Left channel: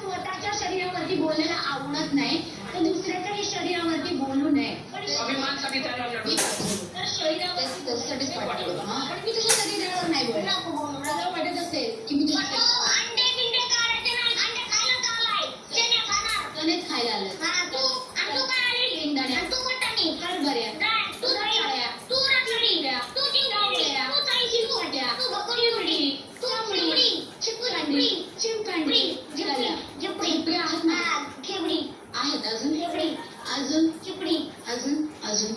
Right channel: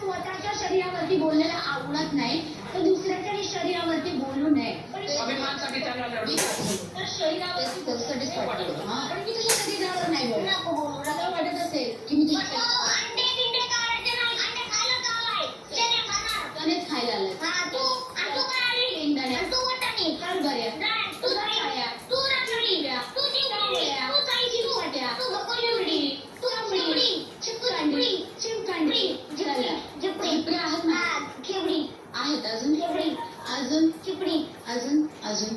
स्वतःच्या शरीरावरती बोलण्याला आवडत नाही तर दुसऱ्याच्याही शरीरावरती बोलू नये. अभिमानासाठी त्याला लढू तर शरीरावरती त्यासाठीच वाटतं. पण मी तुझ्या शरीरावर नाही बोलत. मला वाटत असेल की मी तुझ्या खायला आलं कर बऱ्या आहेत अजून अजून चिपडी अजून अजून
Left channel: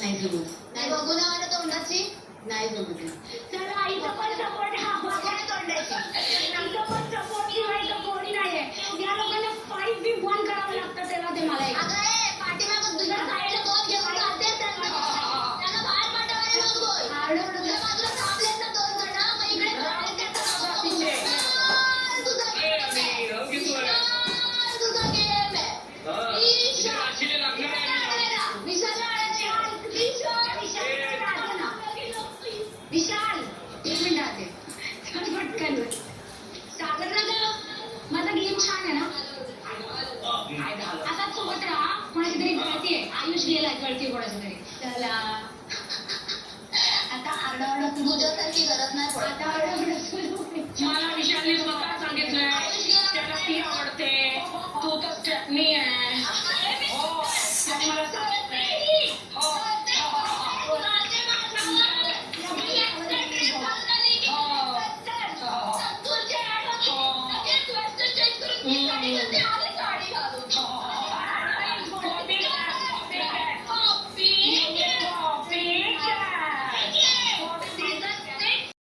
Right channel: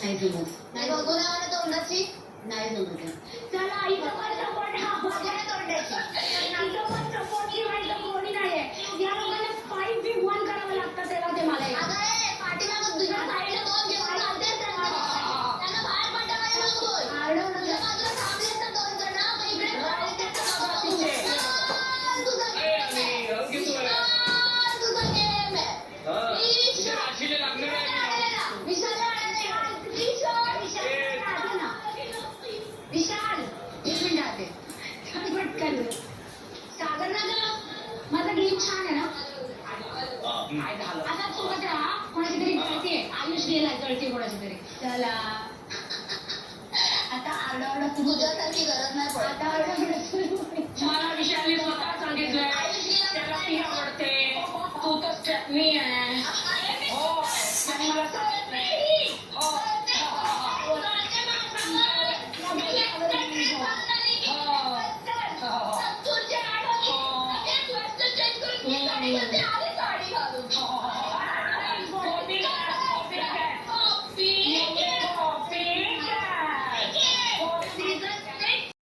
नाही जमत. नाही बघून तोंडाची नाही जमत. चला आईचं पण सपोर्ट तोंडाची सपोर्ट शिवाय कोणी नाहीये. या लोकांना 5v1 करावं लागतं तेव्हा ते मला पाठीमागं तुझ्या साईडला दोन घेऊन जाते त्यांना बाहेर पाठवायला मात्र थांबले तर दोन जण मग इकडे विशाल एक मिनिट आते पटकन सागर ना माझा गेम छान आहे ना. आता सोबत राहा. कोणाची तरी गळती आहे. आयुष गेला गळती कोणाची तरी. चला आता आरडाओरडा सुरू. तुझ्यासारखी गरज नाही पडत. आता आरडाओरडा सुरू. मला विशालने स्वतः सांगितलंय त्याला ती आवडते. तू तर स्टेपनी आहे.